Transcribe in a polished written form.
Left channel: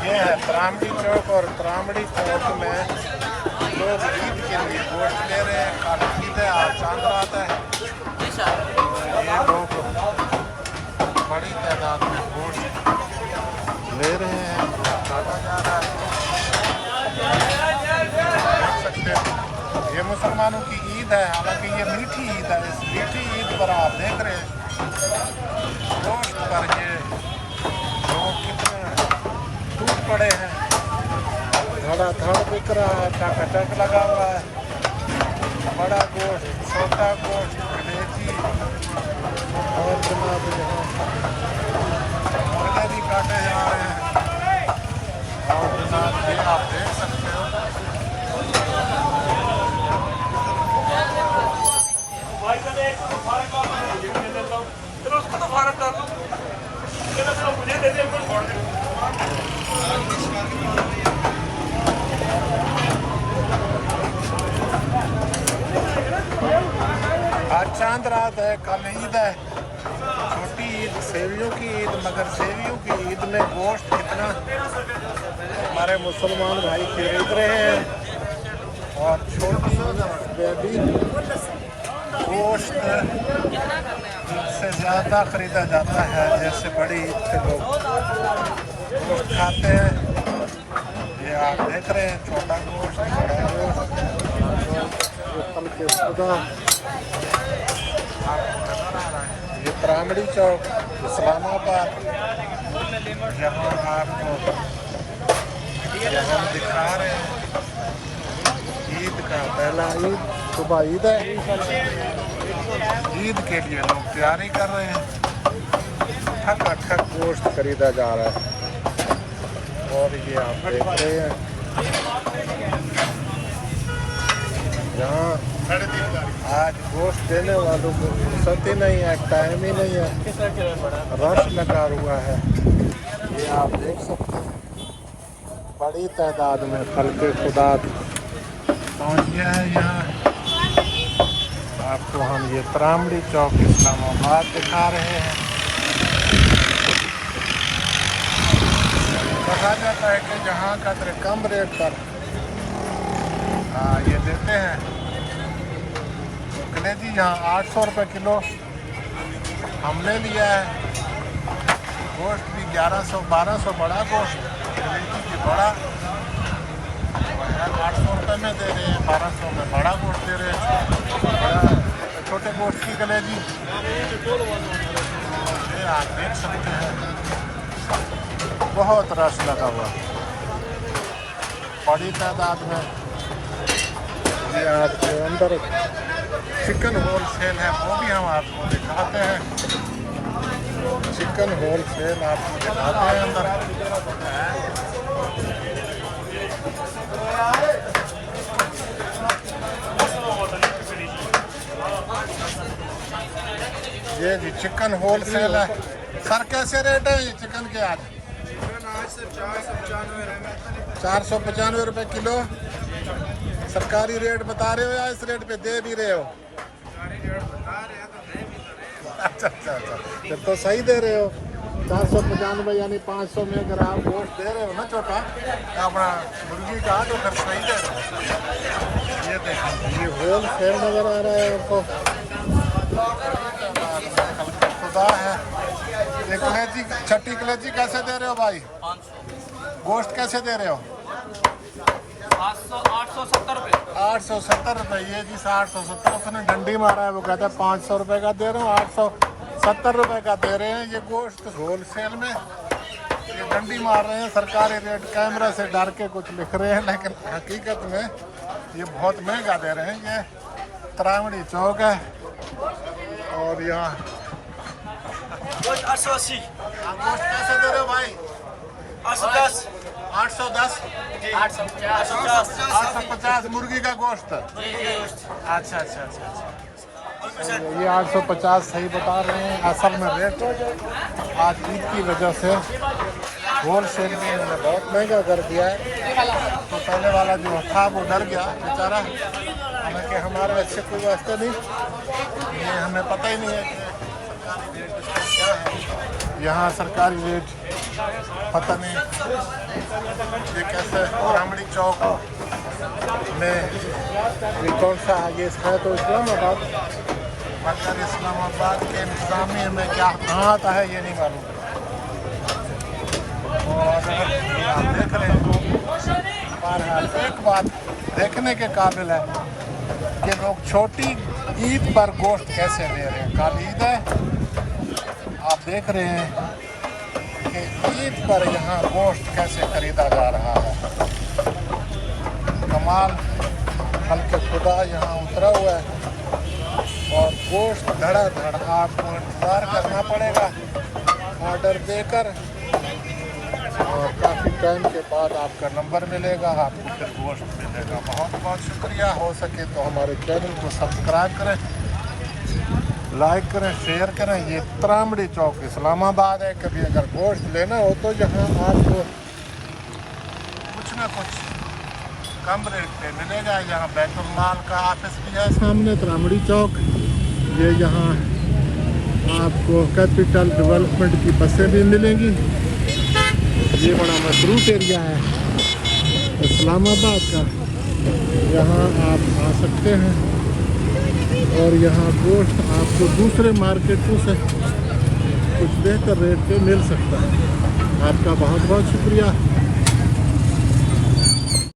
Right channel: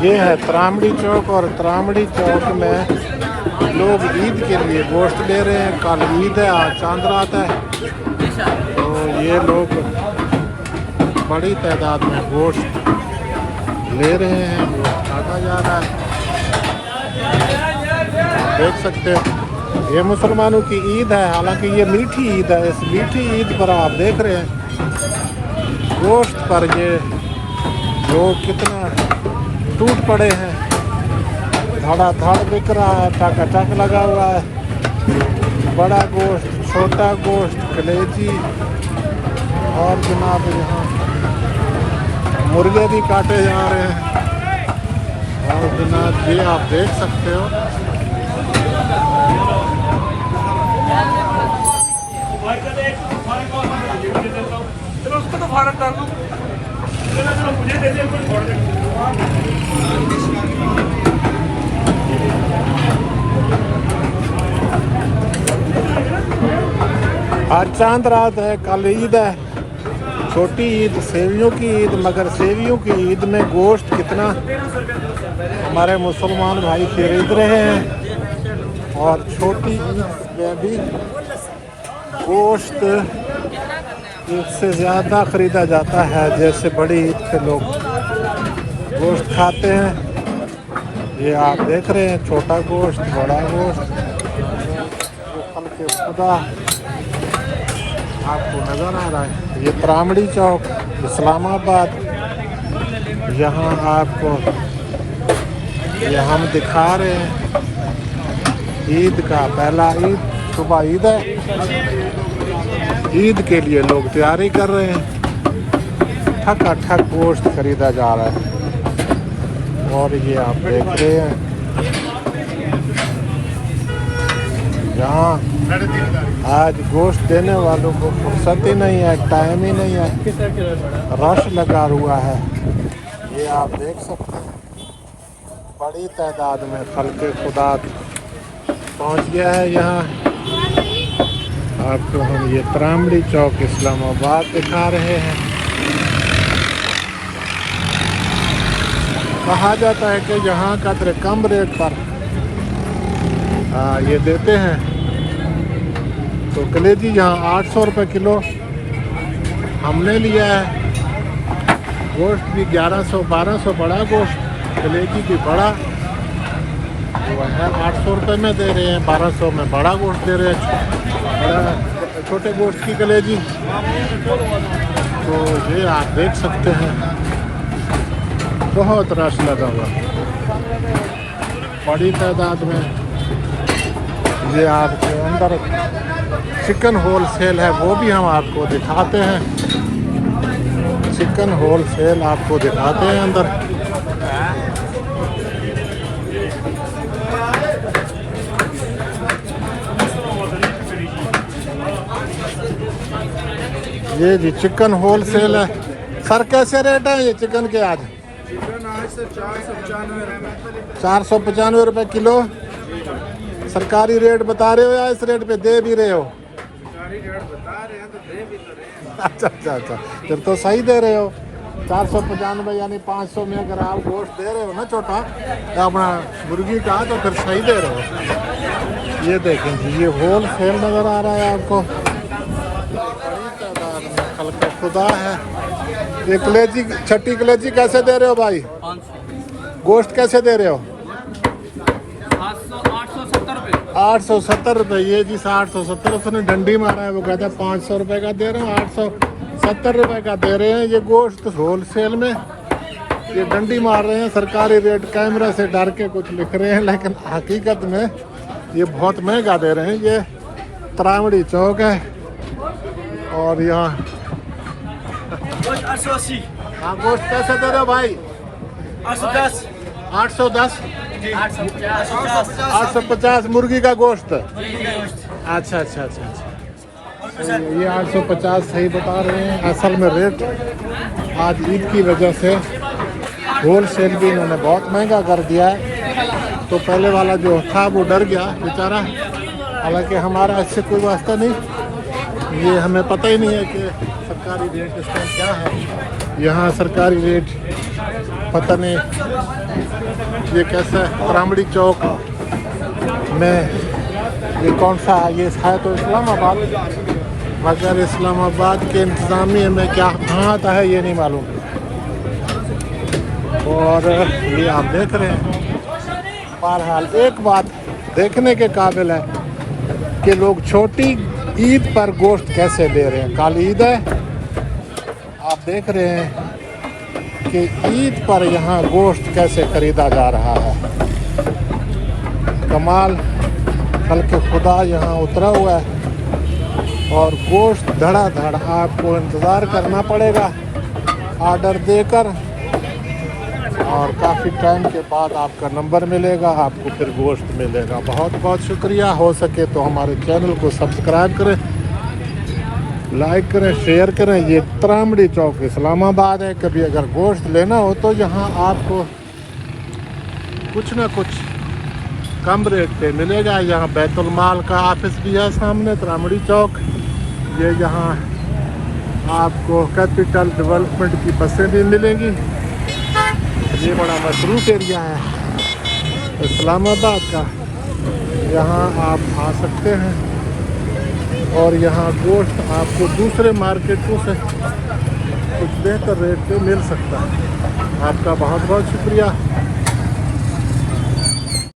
ये है त्रामड़ी चौक और त्रामड़ी चौक में लोग ईद के लिए गोश्त ले रहे हैं। कल ईद है, आज चांद रात है, तो ये लोग बड़ी तादाद में गोश्त ले रहे हैं। गोश्त काटा जा रहा है, आप देख सकते हैं। ये मुसलमानों की ईद है, हालांकि ये मीठी ईद है। इस मीठी ईद पर आप देख रहे हैं गोश्त पर ये लोग कितना टूट पड़े हैं। धड़ाधड़ बिक रहा है, टक लगा हुआ है। बड़ा गोश्त, छोटा गोश्त, कलेजी और जनाब मुर्गे भी काटे जा रहे हैं। और जनाब ये आप देख सकते हो, उसको तो फारक कर दूं। आज चांद रात है, कल ईद है, छोटी ईद, सेवियों की ईद। मगर सेवियों की ईद में गोश्त कितना हमारे मुसलमान भाई खरीद रहे हैं। और छोटी ईद में भी गोश्त इससे ज़्यादा ख़रीदा जाता है, जैसे बड़ी ईद पे लोग गोश्त खाते हैं। ये आप देख रहे हैं, छोटा गोश्त, बड़ा गोश्त आपको नज़र आ रहा है। ये त्रामड़ी चौक, इस्लामाबाद, यहाँ आपको ये हम दिखा रहे हैं ईद का पहला ईद। सुबह ईद है, ईद के लिए लोग तैयारी कर रहे हैं। ठक गोश्त खरीदा जा रहा है। और ये आप देख रहे हैं, यहाँ आज गोश्त देने वालों को फुर्सत ही नहीं है, टाइम ही नहीं है, रश लगा हुआ है। ये आप देख सकते हैं, बड़ी तादाद में खल्के खुदा पहुँच गया है यहाँ। आपको हम ये त्रामड़ी चौक इस्लामाबाद दिखा रहे हैं। कहा जाता है कि यहाँ का कम रेट पर ये देते हैं। तो कलेजी यहाँ 800 रुपये किलो हमने लिया है। गोश्त भी 1100-1200, बड़ा गोश्त, कलेजी भी बड़ा वो है 800 रुपये में दे रहे हैं, 1200 में बड़ा गोश्त दे रहे हैं, बड़ा छोटे गोश्त की कलेजी। तो ये आप देख सकते हैं, बहुत रश लगा हुआ, बड़ी तादाद में। ये आप अंदर चिकन होल सेल है, वो भी हम आपको दिखाते हैं। चिकन होल सेल आपको दिखाते हैं अंदर। ये जी चिकन होल सेल है। सर कैसे रेट है ये चिकन के आज? चिकन आज से 495 रुपये किलो। सरकारी रेट बता रहे हो या इस रेट पे दे भी रहे हो? सरकारी रेट बता रहे हैं तो दे भी तो रहे हैं। अच्छा, फिर तो सही दे रहे हो। 495 यानी 500 में अगर आप गोश्त दे रहे हो ना छोटा अपना मुर्गी का, तो फिर सही दे रहे हो। ये देखें जी, ये होल सेल नज़र आ रहा है आपको। बड़ी तादाद में खल्के खुदा है। ये कलेजी, छठी कलेजी कैसे दे रहे हो भाई? 500। गोश्त कैसे दे रहे हो? 870 रुपये। 870 रुपये। ये जी 870, उसने डंडी मारा है, वो कहता है 500 रुपये का दे रहा हूँ, 870 रुपये का दे रहे हैं। ये गोश्त होल सेल में ये डंडी मार रहे हैं। सरकारी रेट कैमरा से डर के कुछ लिख रहे हैं, लेकिन हकीकत में ये बहुत महंगा दे रहे हैं। ये त्रामड़ी चौक है और यहाँ 880। हाँ, गोश्त कैसे दे रहे हो भाई? 810। 810, 850 मुर्गी का गोश्त। अच्छा। ये 850 सही बता रहे हैं। असल में रेट आज ईद की वजह से होल सेल भी इन्होंने बहुत महंगा कर दिया है। तो पहले वाला जो था वो डर गया बेचारा। हालांकि हमारा इससे कोई वास्ता नहीं, ये हमें पता ही नहीं है कि सरकारी रेट इस टाइम क्या है। यहाँ सरकारी रेट पता नहीं ये कैसा है। त्रामड़ी चौक में ये कौन सा है? ये शायद तो इस्लामाबाद, मगर इस्लामाबाद के इंतज़ामिया में क्या कहाँ आता है ये नहीं मालूम। और ये आप देख रहे हैं, बहरहाल एक बात देखने के काबिल है कि लोग छोटी ईद पर गोश्त कैसे ले रहे हैं। कल ईद है, आप देख रहे हैं कि ईद पर यहाँ गोश्त कैसे खरीदा जा रहा है। कमाल, खल्क़े खुदा यहाँ उतरा हुआ है और गोश्त धड़ाधड़। आपको इंतज़ार करना पड़ेगा ऑर्डर देकर, और काफ़ी टाइम के बाद आपका नंबर मिलेगा, आपको फिर गोश्त मिलेगा। बहुत बहुत शुक्रिया। हो सके तो हमारे चैनल को सब्सक्राइब करें, लाइक करें, शेयर करें। ये त्रामड़ी चौक इस्लामाबाद है। कभी अगर गोश्त लेना हो तो यहाँ आपको कुछ ना कुछ कम रेट पे मिलेगा। यहाँ बैतुल माल का ऑफिस भी है सामने, त्रामड़ी चौक। ये यहाँ आपको कैपिटल डेवलपमेंट की बसें भी मिलेंगी। ये बड़ा मसरूफ़ एरिया है इस्लामाबाद का, यहाँ आप आ सकते हैं और यहाँ गोश्त आपको दूसरे मार्केटों से कुछ बेहतर रेट पे मिल सकता है। आपका बहुत बहुत शुक्रिया।